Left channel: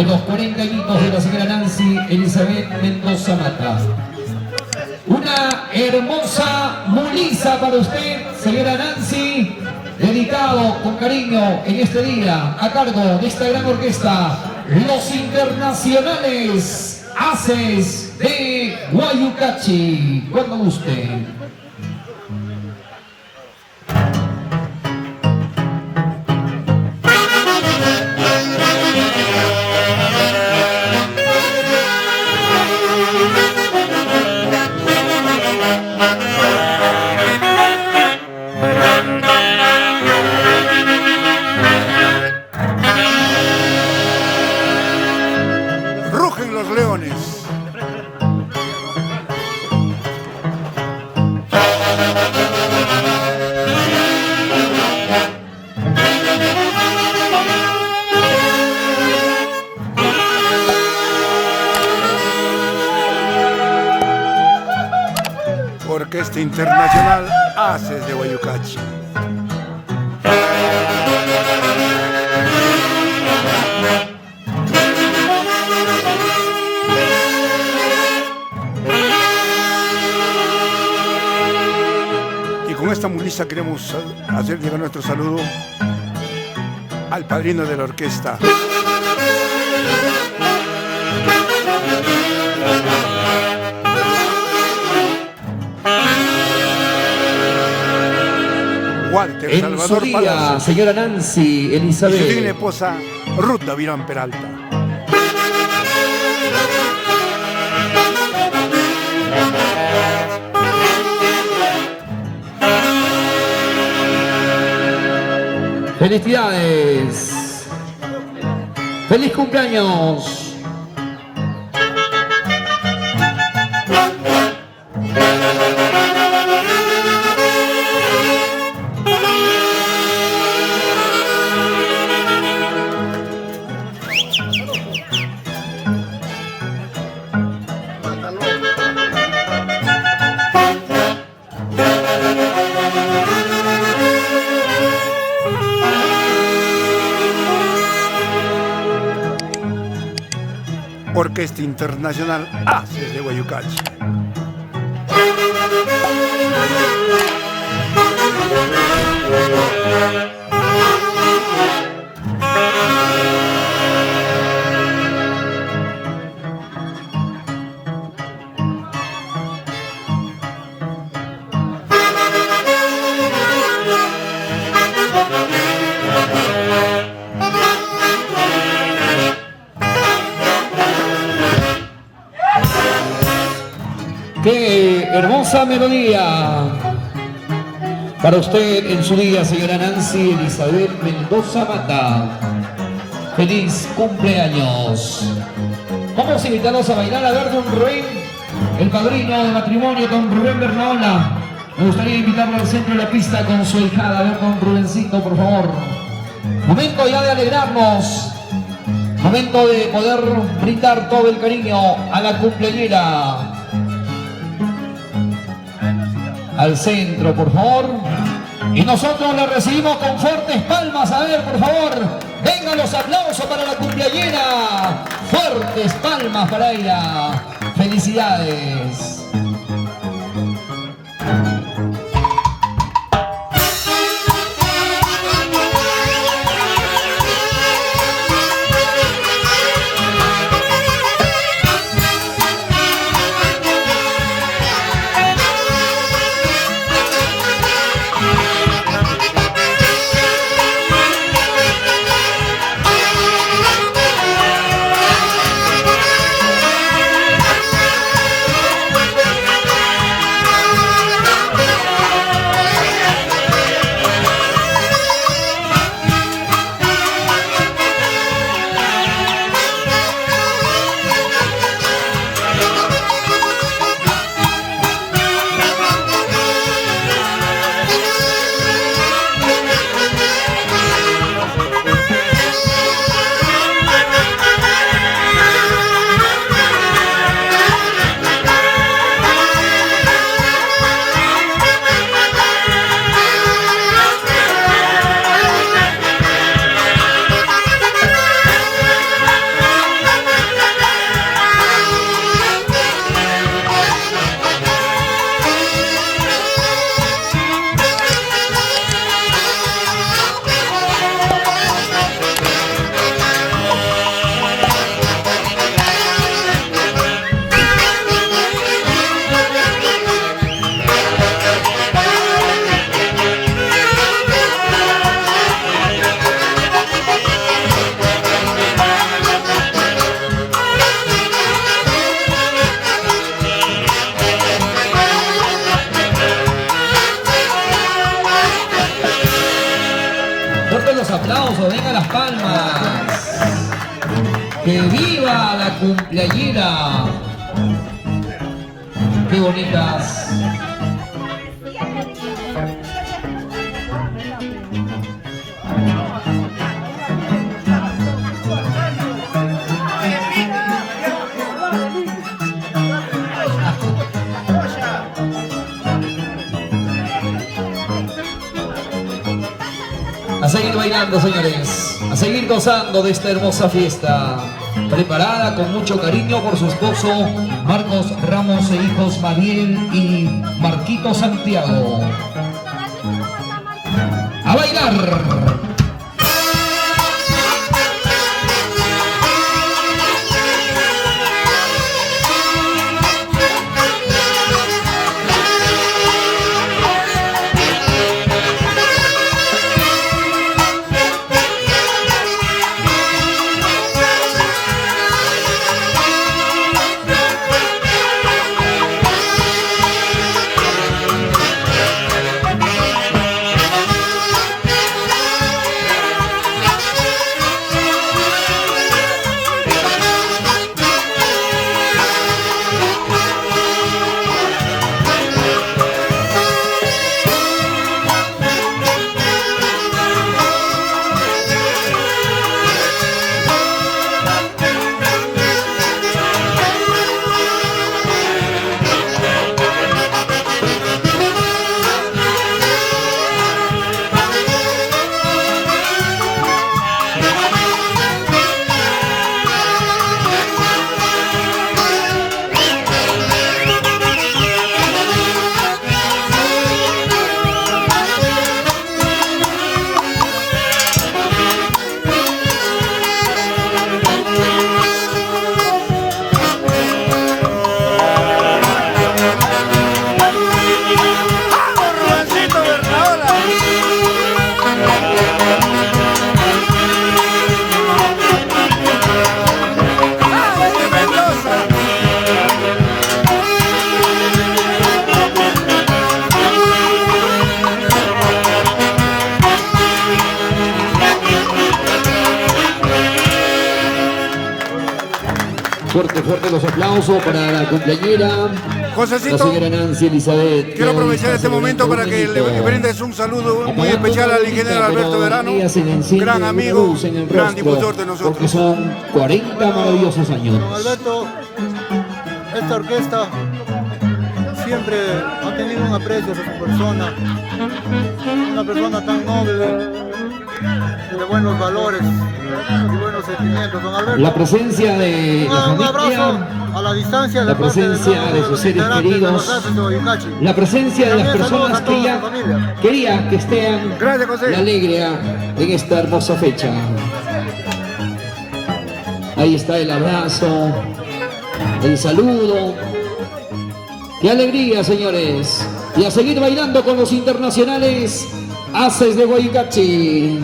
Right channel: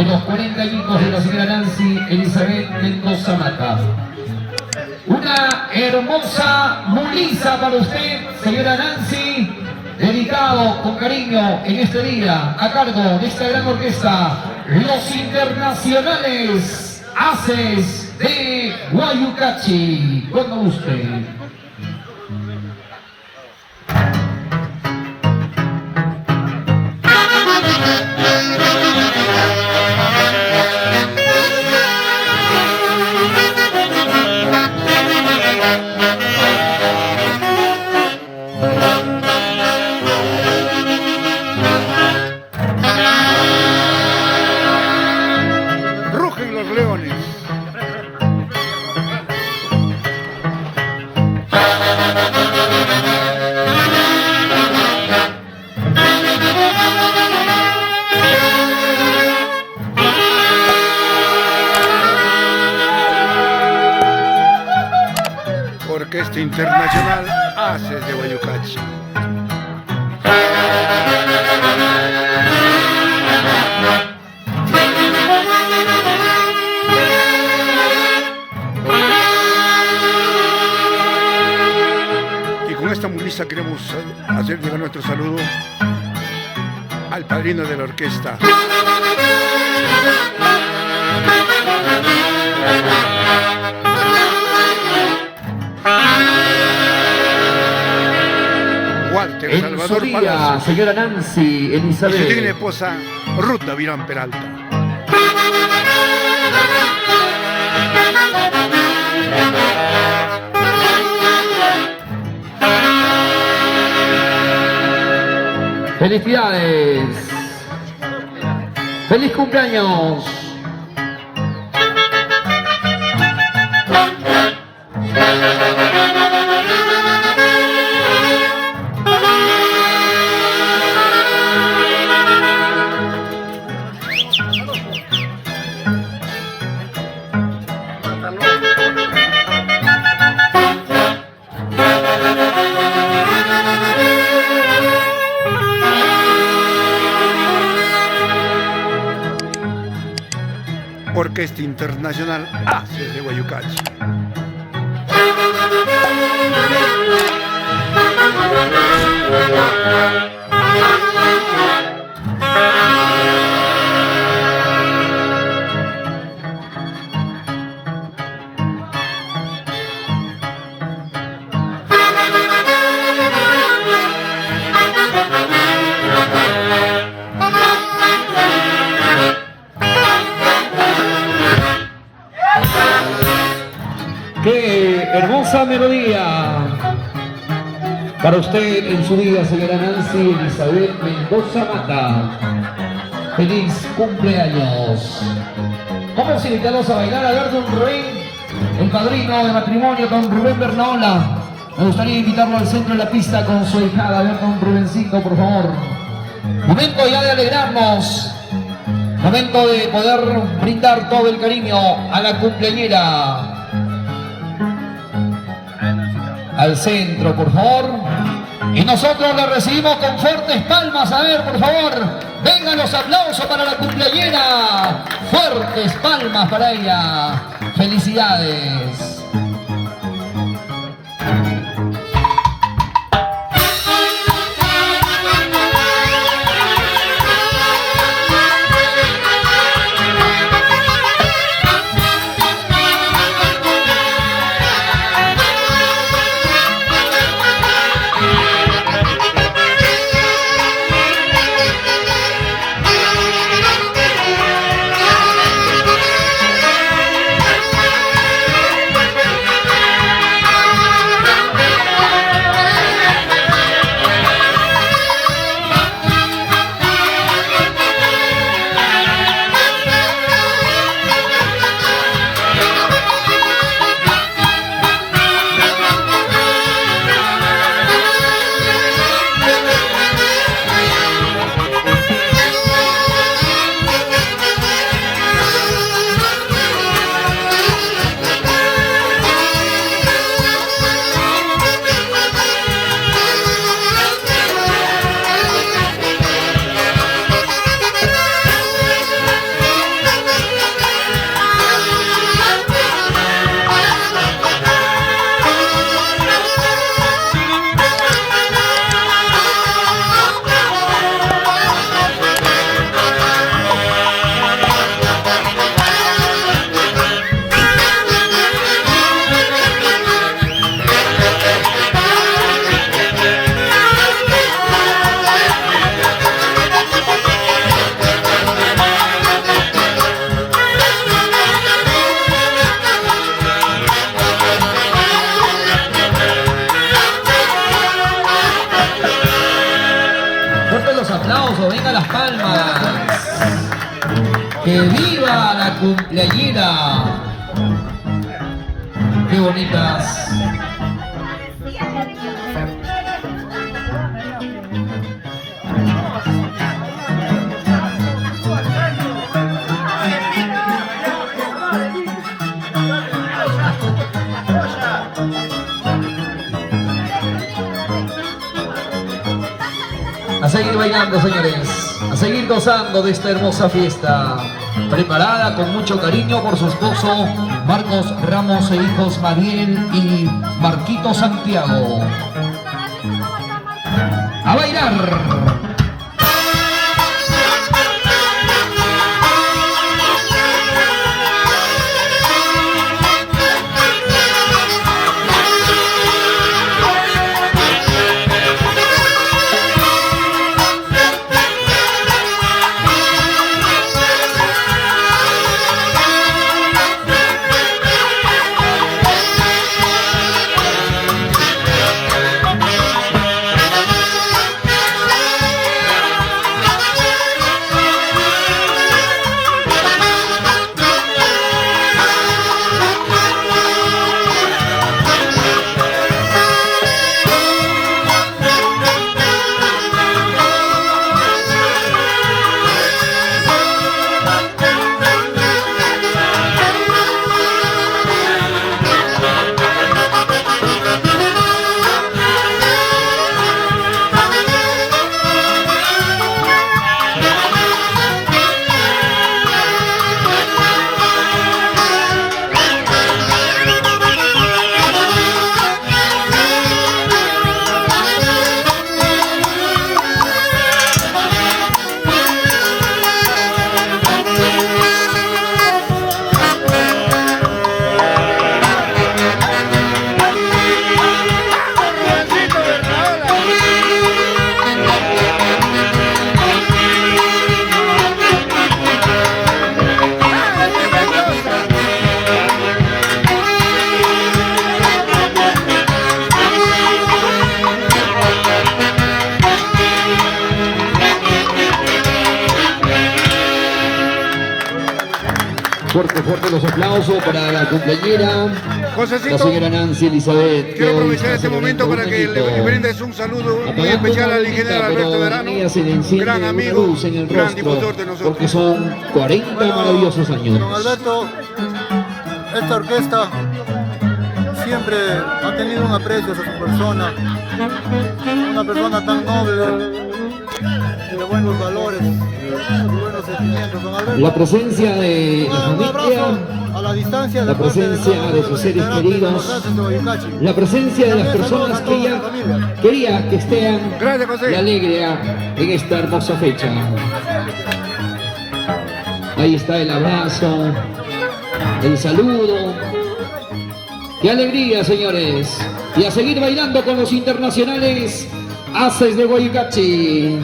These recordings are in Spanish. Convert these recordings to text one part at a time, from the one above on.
de los 40 añitos de la señora Nancy Elizabeth Mendoza Mata. Una hermosa muliza para usted, señora Nancy, dedicado con cariño en este día a cargo de esta gran orquesta, los internacionales Haces de Guayucachi. Cuando guste. Rugen los leones. Orquesta Internacional Haces de Guayucachi. Y con esta muliza queremos hacer llegar nuestro saludo al padrino de la orquesta, Walter En Salvador su día, Palacios, señora Nancy Elizabeth. y su digna esposa Ruth Davirán Peralta. Felicidades. Feliz cumpleaños. Orquesta Internacional Haces de Guayucachi. ¡Qué hermosa melodía! Para usted en su día, señora Nancy Elizabeth Mendoza Mata. ¡Feliz cumpleaños! Vamos a invitarlos a bailar a ver don Rubén, el padrino de matrimonio, don Rubén Bernaola. Me gustaría invitarlo al centro de la pista con su hijada. A ver, don Rubencito, por favor. Momento ya de alegrarnos. Momento de poder brindar todo el cariño a la cumpleañera. Al centro, por favor. Y nosotros la recibimos con fuertes palmas. A ver, por favor, vengan los aplausos para la cumpleañera. Fuertes palmas para ella. Felicidades. ¡Que viva la cumpleañera! ¡Qué bonitas! A seguir bailando, señores, a seguir gozando de esta hermosa fiesta, preparada con mucho cariño por su esposo Marcos Ramos e hijos Mariel y Marquito Santiago. ¡A bailar! Fuerte los aplausos para la cumpleañera, Josecito, la señora Nancy Elizabeth. quiero aprovechar este momento para que le brindes un saludo muy especial al ingeniero Alberto Verano, gran amigo, gran difusor de nosotros. Porque son 40 maravillosos años. Don Alberto, esta orquesta siempre ha tenido un aprecio hacia su persona, una persona tan noble, de buenos valores y buenos sentimientos. Don Alberto, La presencia de la un abrazo familia, a la distancia de la parte de presencia cada uno de de sus los seres integrantes de queridos, los Haces de Guayucachi. la presencia de las También saludos personas a que toda ella su familia. quería que estén Gracias, José. y alegre en esta hermosa fecha. Ahí está el abrazo, el saludo. ¡Qué alegría, señores! Y a seguir bailando con los internacionales Haces de Guayucachi.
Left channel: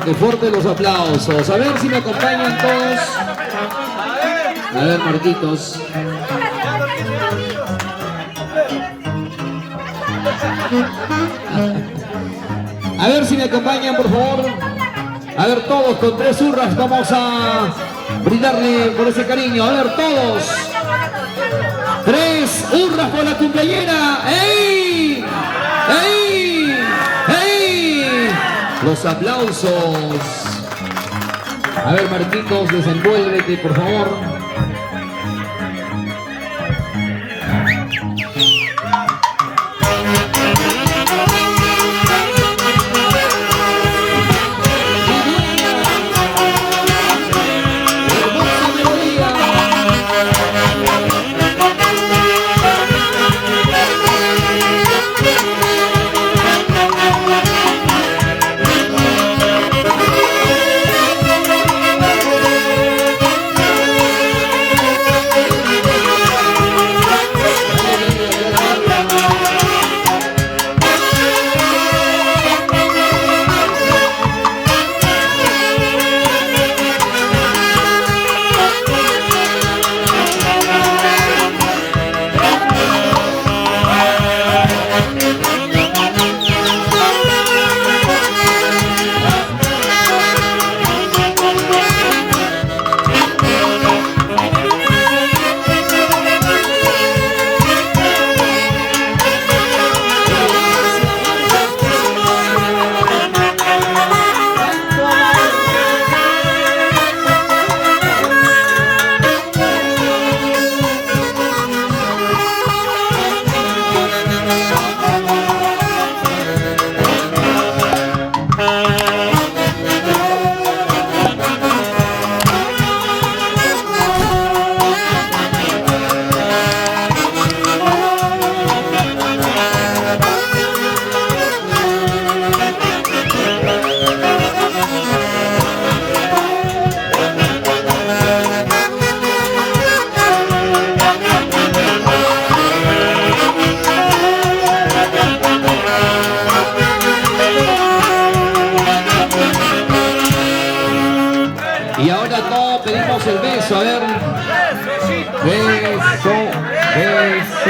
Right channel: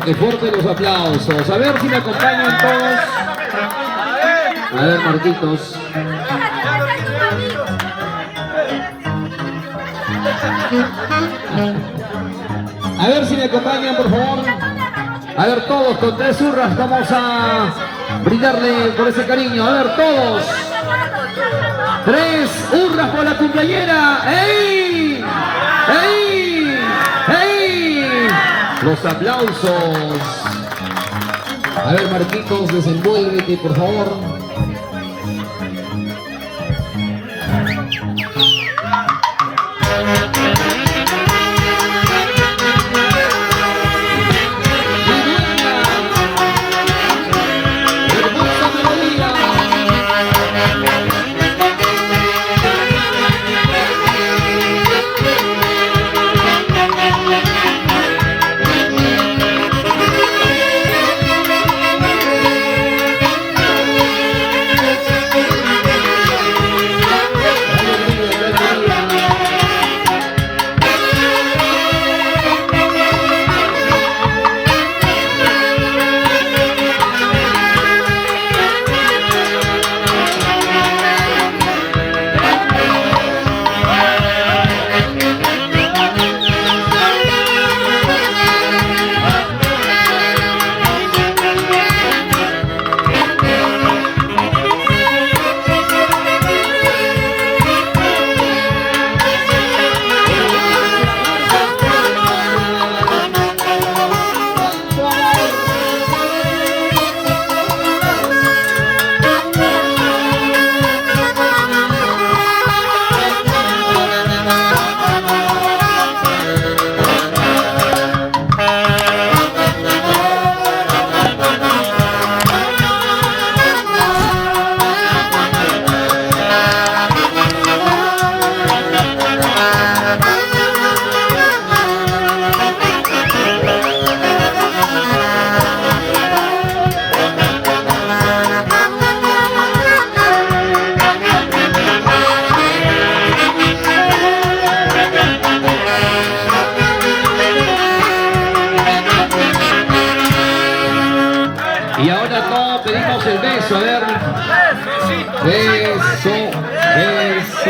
Fuerte, fuerte los aplausos. A ver si me acompañan todos. A ver, Marquitos. A ver si me acompañan, por favor. A ver, todos con 3 urras vamos a brindarle por ese cariño. A ver, todos. 3 urras por la cumpleañera. ¡Ey! ¡Ey! ¡Ey! Los aplausos. A ver, Marquitos, desenvuélvete, por favor. Y ahora todos pedimos el beso, a ver. Beso, beso.